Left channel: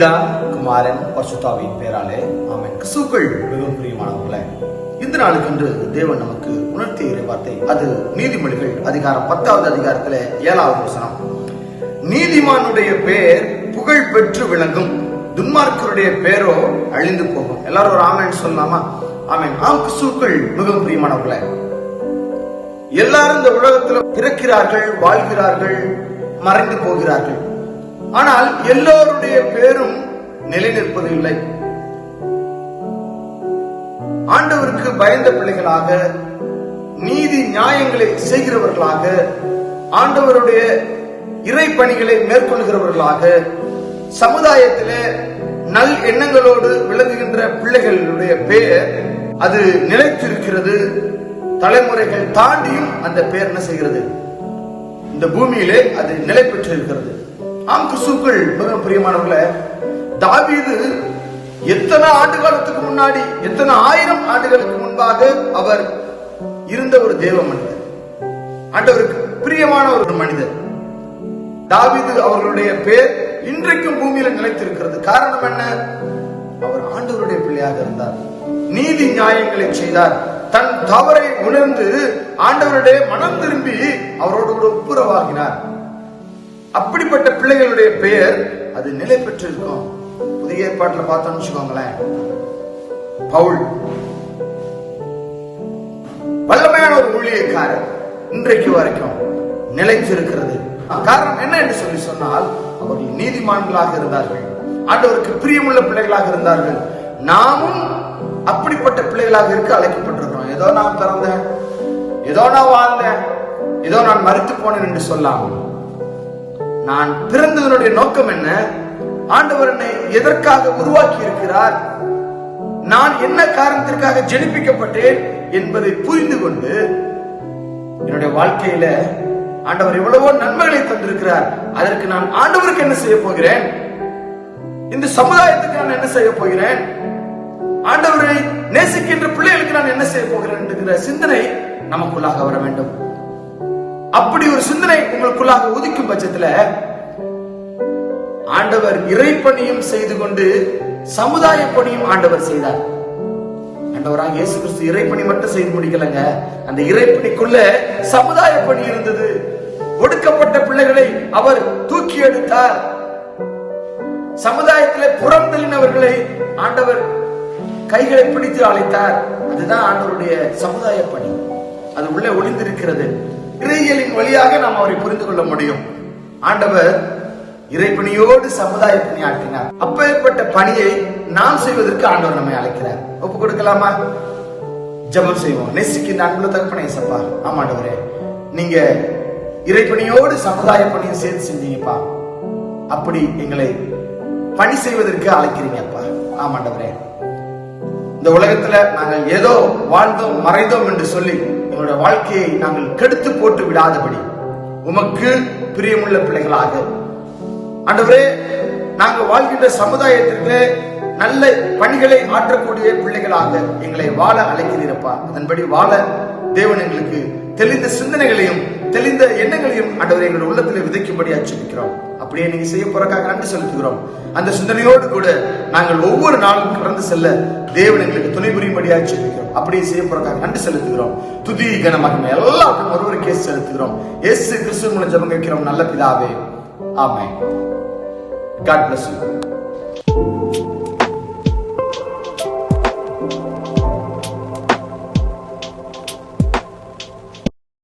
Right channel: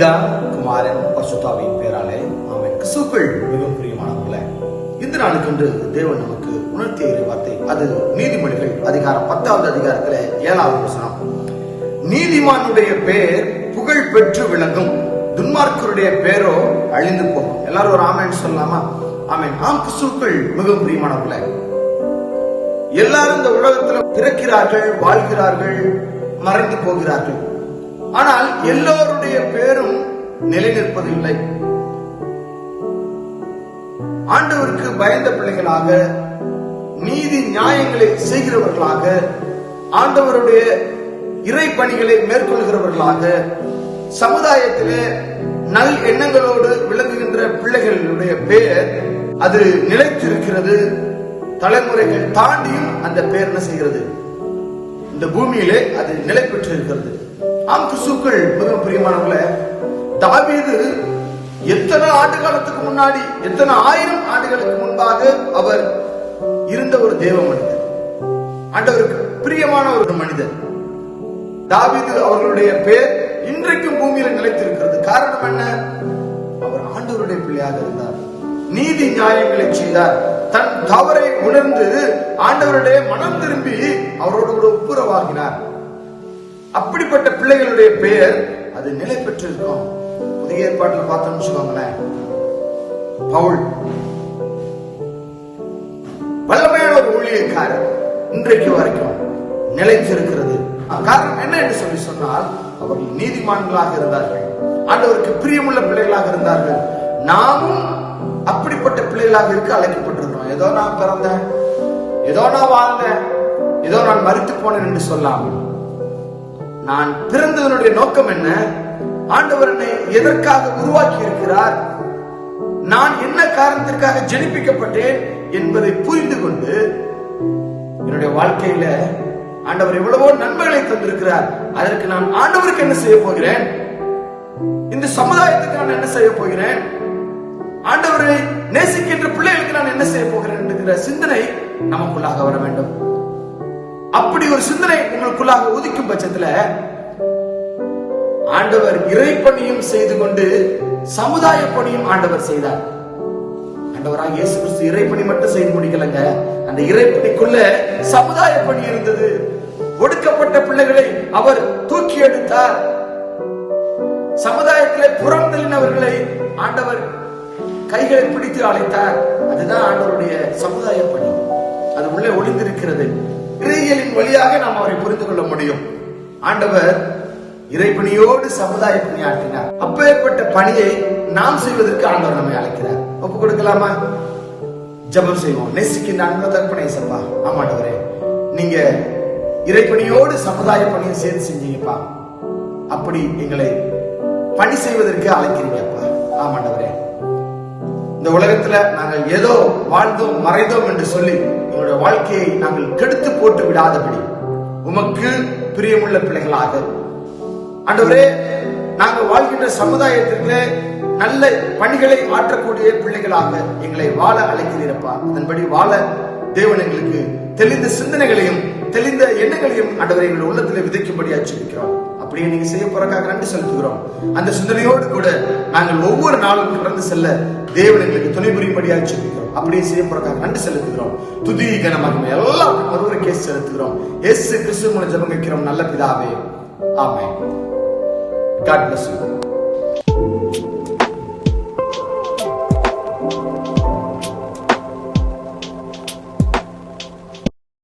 பரிசுத்தாவின் பேராலே அவன் கிசுக்கள் மிகவும் பிரியமானவர்களே இந்த நாளுக்கென்று தேவன் நமக்கு உணர்த்திய வார்த்தை அது நீதிமொழிகள் அதிகாரம் பத்தாவது அதிகாரத்துல ஏழாவது வசனம். நீதிமானுடைய பெயர் புகழ் பெற்று விளங்கும். துன்மார்க்கருடைய பேரோ அழிந்து போகும். எல்லாரும் ஒரு ஆமேன் சொல்லலாமா? ஆமேன். ஆம் கிசுக்கள் மிகவும் பிரியமானவர்களே எல்லாரும் இந்த உலகத்துல பிறக்கிறார்கள் வாழ்கிறார்கள் மறைந்து போகிறார்கள். ஆனால் எல்லோருடைய பேரும் நிலை நிற்பதில்லை ஆண்டவருக்கு பயந்த பிள்ளைகளாக நீதி நியாயங்களை செய்கிறவர்களாக ஆண்டவருடைய இறை பணிகளை மேற்கொள்கிறவர்களாக சமுதாயத்திலே நல் எண்ணங்களோடு விளங்குகின்ற பிள்ளைகளுடைய பெயர் அது நிலைத்திருக்கிறது. தலைமுறைகள் தாண்டியும் அந்த பெயர் என்ன செய்கிறது? இந்த பூமியிலே அது நிலை பெற்றிருக்கிறது ஆம் கிறிஸ்துக்கள் மிக பிரியமானவர்கள தாவீது எத்தனை ஆண்டு காலத்துக்கு முன்னாடி எத்தனை ஆயிரம் ஆண்டுகளுக்கு முன்பாக அவர் இருந்த ஒரு தேவ மனிதர். ஆண்டவருக்கு பிரியமான ஒரு மனிதர். தாவீது அவர்களுடைய பேர் இன்றைக்கும் பூமியில நிலைத்திருக்கிறது. காரணம் என்ன? அவர் ஆண்டவருடைய பிள்ளையாக இருந்தார். நீதி நியாயங்களை செய்தார். தன் தவறை உணர்ந்து ஆண்டவருடைய மனம் திரும்பி அவரோடு கூட ஒப்புரவாகினார். அப்படிப்பட்ட பிள்ளைகளுடைய பெயர் அது நிலை பெற்றிருக்கும். புதிய ஏற்பாட்டில் பார்த்தோம்னு வச்சுக்கோங்களேன். பவுல். வல்லமையான ஒரு ஊழியக்காரர் இன்றைக்கு வரைக்கும் நிலைத்திருக்கிறது. காரணம் என்ன என்று சொல்லி சொன்னால் அவர்கள் நீதிமான்களாக இருந்தார்கள். ஆண்டவருக்கு பிரியமுள்ள பிள்ளைகளாக இருந்தார்கள். நாமும் அப்படிப்பட்ட பிள்ளைகளாக இருக்க அழைக்கப்பட்டிருக்கிறோம். ஏதோ நான் பிறந்தேன் ஏதோ நான் வாழ்ந்தேன் ஏதோ நான் மறுத்து போனேன் என்று சொல்லாமல். நான் பிறந்ததனுடைய நோக்கம் என்ன? ஆண்டவர் என்னை எதற்காக உருவாக்கி இருக்கிறார் நான் என்ன காரணத்திற்காக ஜெனிப்பிக்கப்பட்டேன் என்பதை புரிந்து கொண்டு என்னுடைய வாழ்க்கையில ஆண்டவர் எவ்வளவோ நன்மைகளை தந்திருக்கிறார். அதற்கு நான் ஆண்டவருக்கு என்ன செய்ய போகிறேன்? இந்த சமுதாயத்துக்கு நான் என்ன செய்ய போகிறேன்? ஆண்டவரை நேசிக்கின்ற பிள்ளைகளுக்கு நான் என்ன செய்ய போகிறேன் என்கிற சிந்தனை நமக்குள்ளாக வர வேண்டும். அப்படி ஒரு சிந்தனை உங்களுக்குள்ளாக உதிக்கும் பட்சத்துல ஆண்டவர் இறைப்பணியும் செய்து கொண்டு சமுதாய பணியும் ஆண்டவர் செய்தார். ஆண்டவரா இயேசு கிறிஸ்து இறைப்பணி மட்டும் செய்து முடிக்கலங்க. அந்த இறைப்பணிக்குள்ள சமுதாய பணி இருந்தது. ஒடுக்கப்பட்ட பிள்ளைகளை அவர் தூக்கி எடுத்தார். சமுதாயத்திலே புறந்தள்ளினவர்களை ஆண்டவர் கைகளை பிடித்து அழைத்தார். அதுதான் ஆண்டவருடைய சமுதாய பணி. அது உள்ளே ஒளிந்திருக்கிறது. கிரியைகளின் வழியாக நாம் அவரை புரிந்து கொள்ள முடியும். ஆண்டவர் இறைப்பணியோடு சமுதாய பணி ஆற்றினார் அப்பேற்பட்ட பணியை நாம் செய்வதற்கு ஆண்டவர் நம்மை அழைக்கிறார். ஒப்பு கொடுக்கலாமா? ஜபம் செய்வோம். நெசிக்கு அன்புல தற்பனை சம்பா ஆமாண்டவரே நீங்க இறைப்பணியோடு சமுதாய பணியை சேர்ந்து செஞ்சீங்கப்பா. அப்படி எங்களை பணி செய்வதற்கு அழைக்கிறீங்கப்பா. ஆமாண்டவரே இந்த உலகத்துல நாங்கள் ஏதோ வாழ்ந்தோம் மறைந்தோம் என்று சொல்லி எங்களுடைய வாழ்க்கையை நாங்கள் கெடுத்து போட்டு விடாதபடி உமக்கு பிரியமுள்ள பிள்ளைகளாக. ஆண்டவரே நாங்கள் வாழ்கின்ற சமுதாயத்திற்கு நல்ல பணிகளை ஆற்றக்கூடிய பிள்ளைகளாக எங்களை வாழ அழைக்கிறீரப்பா. அதன்படி வாழ தேவன் எங்களுக்கு தெளிந்த சிந்தனைகளையும் தெளிந்த எண்ணங்களையும் ஆண்டவரை எங்கள் உள்ளத்தில் விதைக்கும்படி அச்சுக்கிறோம் அப்படியே நீங்க செய்ய போறக்காக நன்றி செலுத்துகிறோம். அந்த சிந்தனையோடு கூட நாங்கள் ஒவ்வொரு நாளும் கடந்து செல்ல தேவன் எங்களுக்கு துணை புரியும்படியா அச்சுக்கிறோம் அப்படியே செய்ய போறக்காக நன்றி செலுத்துகிறோம். துதி கனமாக எல்லாருக்கும் ஒருவருக்கே செலுத்துகிறோம். எஸ் கிறிஸ்துவ மூலம் ஜபம் வைக்கிறோம். நல்ல பிதாவே. ஆமே God bless you.